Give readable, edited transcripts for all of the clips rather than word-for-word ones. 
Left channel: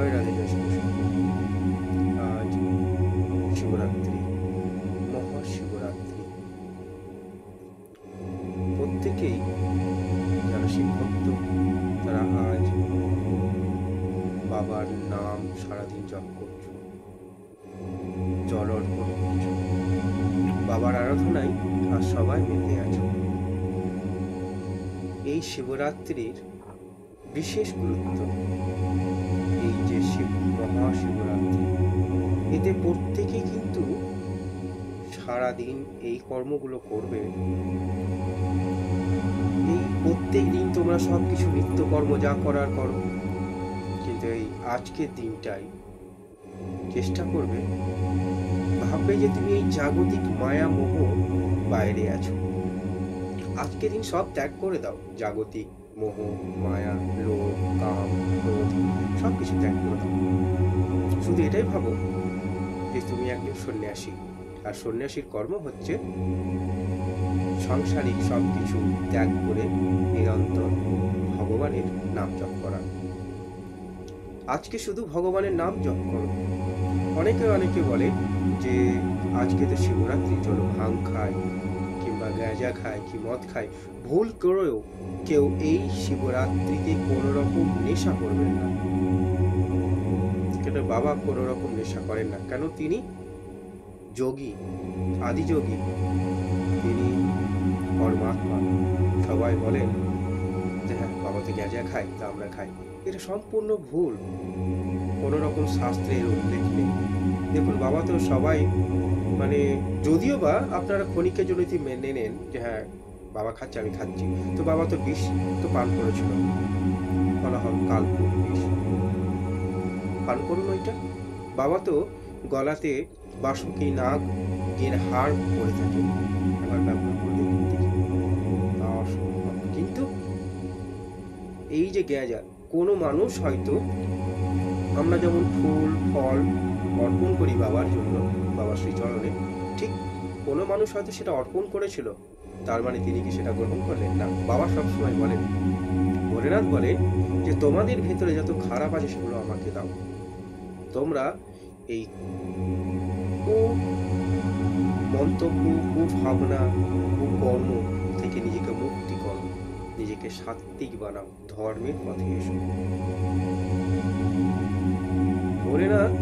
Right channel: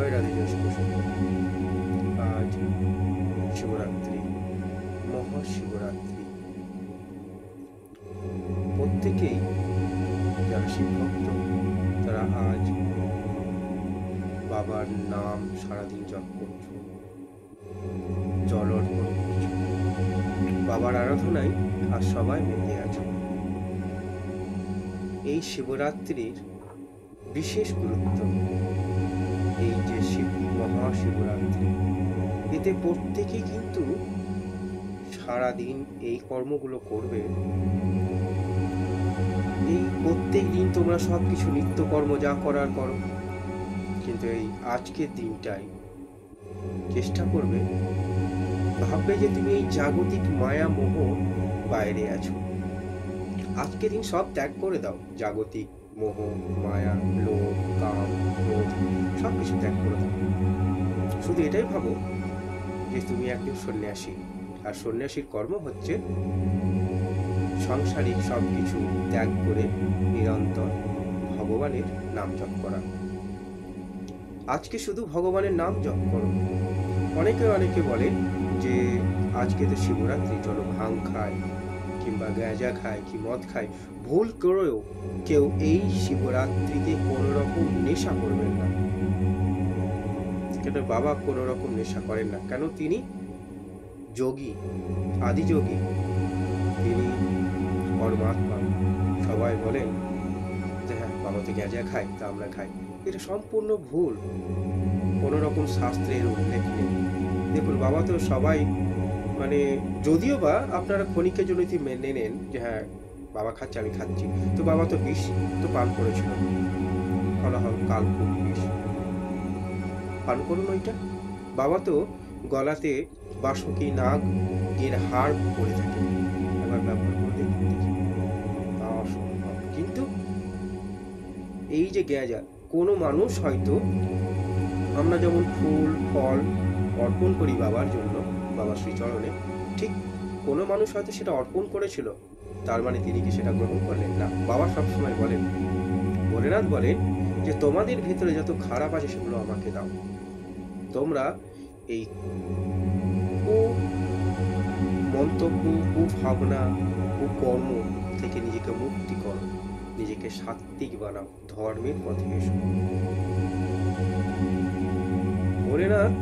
জয় রাধে, জয় শিব শম্ভু। আজ শিবরাত্রি, মহাশিবরাত্রি। প্রত্যেকেই যারা শিব ভক্ত তারা আজ বাবার নাম সারাদিন জপ করছো, জল অর্পণ করছো, বাবার আরাধনায় আর সবাই মেতে আছো। এই শিবরাত্রির বিশেষ গুরুত্ব, এই যে মহাশিবরাত্রি, এতে প্রত্যেকেই কিন্তু সারাদিন এই কর্মগুলো করবে। এই প্রত্যেক দিন তোমরা সব কিছু নিত্যকর্ম যা করার করো, কিন্তু এই আজকের দিনটাই চেষ্টা করবে, ভাববে যে তুমি এই জাগতিক মায়া মোহ বাইরে আছো। আজকের দিন সব ত্যাগ করে দাও, জাগতিক মোহ, মায়া, লোভ, কাম, ক্রোধ সব কিছু ত্যাগ করে দাও। শুধু এটাই ভাবো যে তুমি একজন সন্ন্যাসী, আর সন্ন্যাসীর কর্ম হচ্ছে সাংসারিক সব কিছু ত্যাগ করে নিরন্তর ভগবানের নাম জপ করা। আজকে শুধু ভগবানের নাম জপ করো। অনেকে বলে যে আজকে তো শিবরাত্রি, চলো ভাং খাই কিংবা গাঁজা খায় কি মদ খায়। ভুল করেও কেউ এই শিবরাত্রিতে কোনো রকম নেশা করবেন না। কেন বাবা কোনো রকম নেশা করেন না, কেন তিনি যোগী, আদিযোগী, তিনি পরমাত্মা। সবাই বলেন যে হ্যাঁ বাবা তো গাঁজা খায়, তা আমরা খাই। এটা সম্পূর্ণ ভুল, কোনো রকম শাস্ত্রের উল্লেখ নেই। দেখুন, বাবা তো সবাই যদিও বা আপনারা ক্ষণিকের জন্য মেনে নেন যে হ্যাঁ বাবা খাচ্ছে আমি খাচ্ছি, তো বাবা তো বিষ তো পান করেছিল, ফলাফল কালকুট বিষ পান করুন ওইটা। বাবা তো গলাতে বাসকি নাগ এর হাড় পরে থাকে, একবার ব্যবহার করে দেখুন দেখি, অসম্ভব। কিন্তু এই যে গাঁজা, কোনো মানুষ হয়তো আমরা যেমন ফুল ফল অর্পণ করি বাবার জন্য, বাবার শ্রীচরণে, ঠিক কোনো মানুষ হয়তো সেটা অর্পণ করেছিল, তার মানে তিনি কি সেটা গ্রহণ করলেন না। বাবা সবসময় বলেন, ভোলেনাথ বলেন যে তোমাদের ভেতরে যত খারাপ আছে সেগুলো আমাকে দাও। তোমরা এই মন্তব্য, কুভাবনা, কুকর্ম থেকে নিজেকে মুক্তি করো, নিজেকে সাত্ত্বিক বানাও, ধর্মের পথে এসো। ভোলেনাথ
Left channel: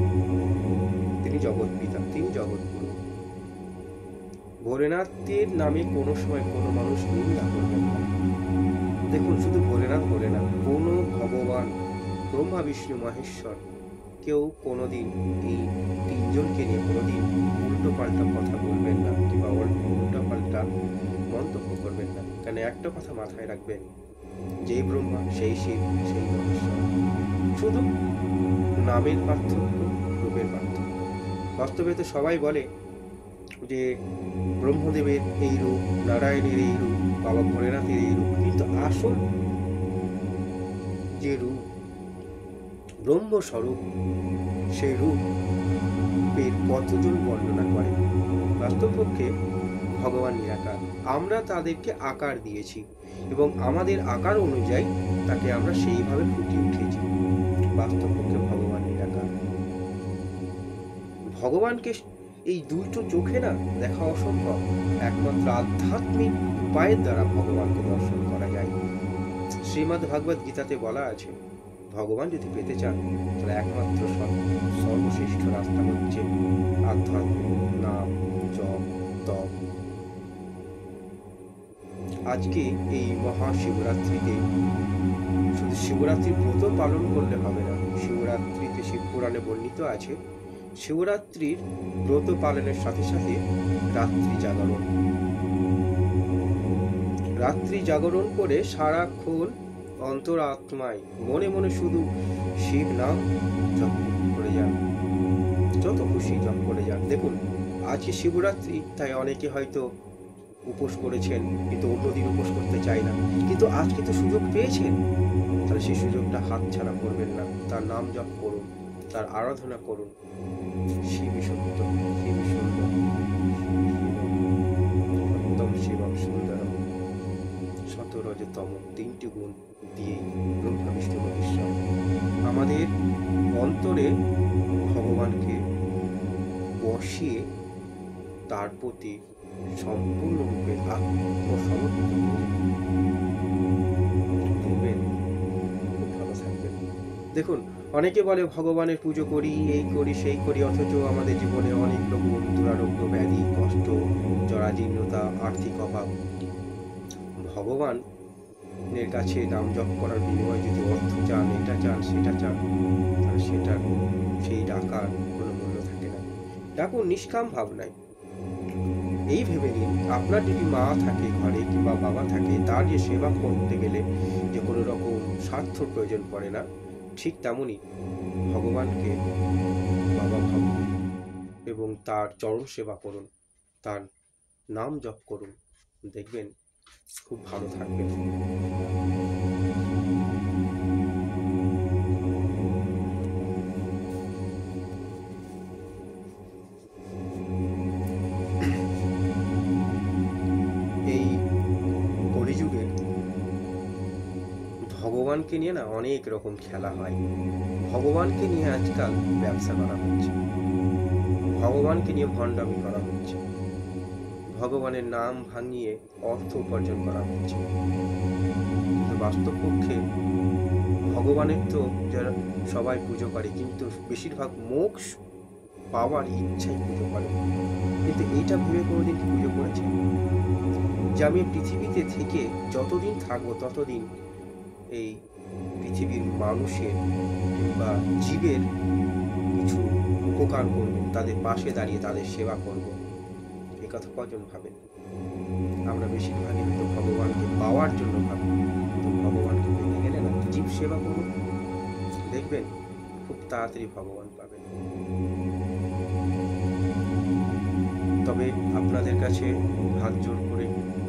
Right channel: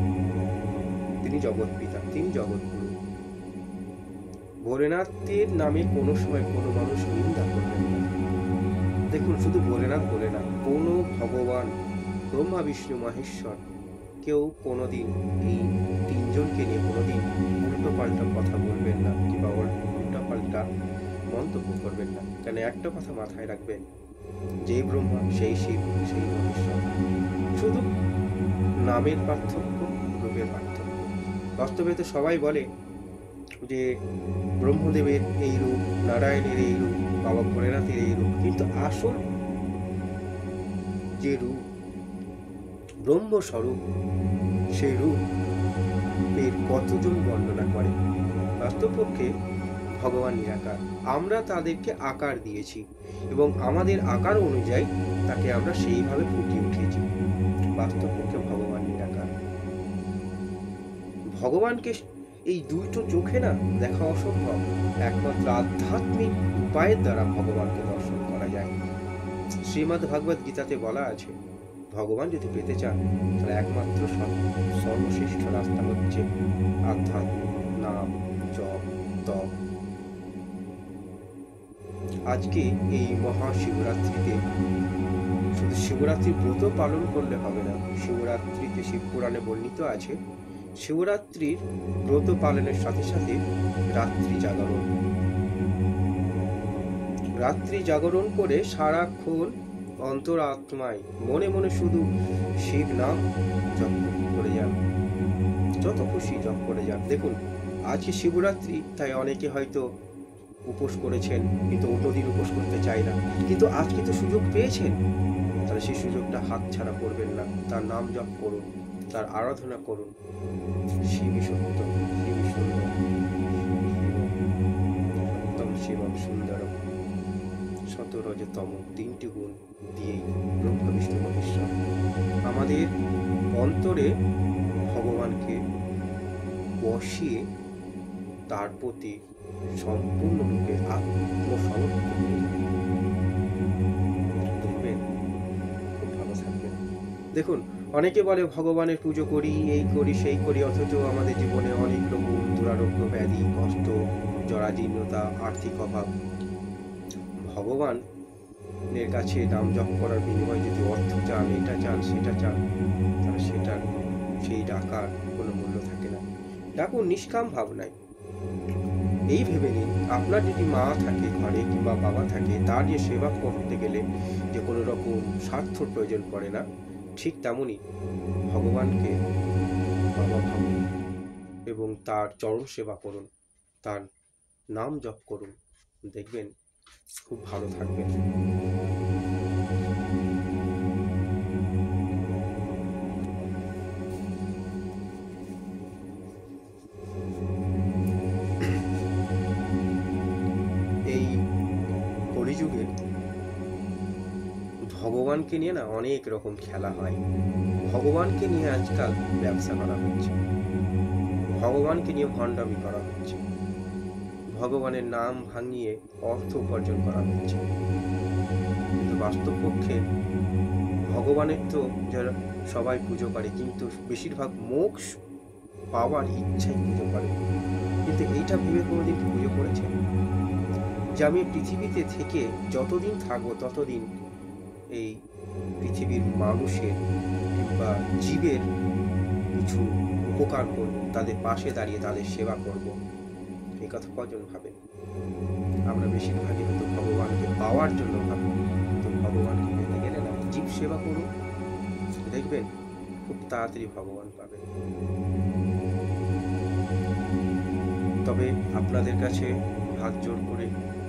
তিনি জগৎ পিতা, তিনি জগৎগুরু। ভোলেনাথের নামে কোনো সময় কোনো মানুষ নিন্দা করবেন না। দেখুন, শুধু ভোলেনাথ বলে না, কোনো ভগবান ব্রহ্মা বিষ্ণু মহেশ্বর কেউ কোনোদিন এই তিনজনকে নিয়ে কোনোদিন উল্টো পাল্টা কথা বলবেন না, কিংবা উল্টো পাল্টা মন্তব্য করবেন না। কেন একটা কথা মাথায় রাখবেন, যেই ব্রহ্মা সেই শিব সেই মহেশ্বর, শুধু নামের পার্থক্য, রূপের পার্থক্য। বাস্তবে তো সবাই বলে যে ব্রহ্মদেবের এই রূপ, নারায়ণের এই রূপ, বাবা ভোলেনাথের এই রূপ, কিন্তু আসল যে রূপ ব্রহ্মস্বরূপ, সেই রূপের কতজন বর্ণনা করে। বাস্তবপক্ষে ভগবান নিরাকার, আমরা তাদেরকে আকার দিয়েছি এবং আমাদের আকার অনুযায়ী তাকে আমরা সেইভাবে ফুটিয়ে উঠেছি। বাস্তবপক্ষে ভগবান নিরাকার। ভগবানকে এই দুটো চোখে না দেখা অসম্ভব, একমাত্র আধ্যাত্মিক উপায়ের দ্বারা ভগবানকে দর্শন করা যায়। শ্রীমদ্ ভাগবত গীতাতে বলা আছে, ভগবান যদি পেতে চান তাহলে একমাত্র সর্বশ্রেষ্ঠ রাস্তা হচ্ছে আধ্যাত্মিক নাম, জপ, তপ। আজকে এই মহাশিবরাত্রিতে শুধু শিবরাত্রির ব্রত পালন করলে হবে না। শিবরাত্রিতে শিব পুরাণে বর্ণিত আছে, শিবরাত্রির ব্রত পালনের সাথে সাথে রাত্রি জাগরণ, রাত্রি জাগরণ করে সারাক্ষণ অন্তরাত্মায় মনে মনে শুধু শিব নাম জপ করে যান, যত খুশি জপ করে যান। দেখুন, আজকে শিবরাত্রি, তাই অনেকে হয়তো উপোস করেছেন কিন্তু অন্যদিন উপোস করতে চায় না, কিন্তু আজকে তো সুযোগ পেয়েছেন, তাহলে সেই সুযোগটা হাতছাড়া করবেন না। তার নাম জপ করুন, তার আরাধনা করুন। শিবই সত্য, শিবই সুন্দর, সত্যম শিবম সুন্দরম, শতরজতম, তিনটি গুণ দিয়েই ব্রহ্মা বিষ্ণু মহেশ্বর। আমাদের অন্তরে ভগবানকে বসিয়ে তার প্রতি সম্পূর্ণরূপে আত্মসমর্পিত হয়ে যাবে, দেখবেন খুব ভালো থাকবেন। দেখুন, অনেকে বলে ভগবানের পুজো করি, এই করি সেই করি, অথচ আমাদের জীবনে অনেক রকম দুরারোগ্য, ব্যাধি, কষ্ট, জরাজীর্ণতা, আর্থিক অভাব। ভগবানের কাছে নাম জপ করার বিনিময়ে যদি অর্থ চান, এটা চান, সেটা চান, তাহলে সেই ডাকার কোনো মূল্য থাকে না। ডাকুন নিষ্কাম ভাবনায়। এই ভেবে নিন, আপনার যদি মা থাকে ঘরে কিংবা বাবা থাকে, তার যে সেবা করতে গেলে যে কোনো রকম স্বার্থর প্রয়োজন পড়ে না, ঠিক তেমনই ভগবানকে বাবা ভাবুন এবং তার চরণ সেবা করুন, তার নাম জপ করুন, দেখবেন খুব ভালো থাকবেন। এই কলিযুগে ভগবানকে নিয়ে না অনেক রকম খেলা হয়। ভগবানকে নিয়ে আজকাল ব্যবসা করা হচ্ছে, ভগবানকে নিয়ে ভণ্ডামি করা হচ্ছে, ভগবানের নাম ভাঙিয়ে অর্থ উপার্জন করা হচ্ছে। কিন্তু বাস্তবপক্ষে ভগবানের তো যারা সবাই পুজো করে, কিন্তু বেশিরভাগ মোক্ষ পাওয়ার ইচ্ছাই পুজো করে। কিন্তু এইটা ভেবে কোনোদিন কি পুজো করেছেন যে আমি পৃথিবীতে থেকে যতদিন থাকবো ততদিন এই পৃথিবীর মানুষের কিংবা জীবের কিছু উপকার করব, তাদের পাশে দাঁড়িয়ে তাদের সেবা করব? এই কথা কজন ভাবেন? আমরা বেশিরভাগই হয়তো ভগবানকে পাওয়ার জন্য ভাবি। তো ভগবানকে পেতে গেলে না, জীব সেবা করুন, দেখবেন খুব তাড়াতাড়ি ভগবান পাবেন। তবে আপনাদের কাছে হাত জোড় করে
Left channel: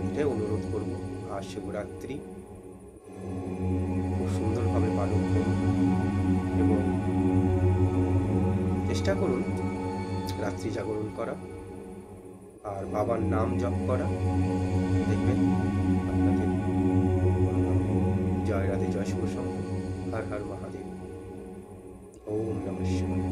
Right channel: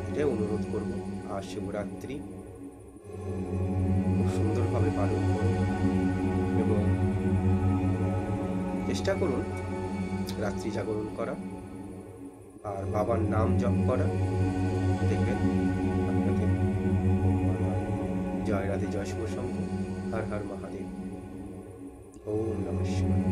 এটাই অনুরোধ করব, আর শিবরাত্রি খুব সুন্দরভাবে পালন করুন এবং চেষ্টা করুন রাত্রি জাগরণ করা আর বাবার নাম জপ করা, দেখবেন আপনাদের খুব ভালো হবে। জয় রাধে, জয় শিব শম্ভু, হর হর মহাদেব, ওম নমঃ শিবায়।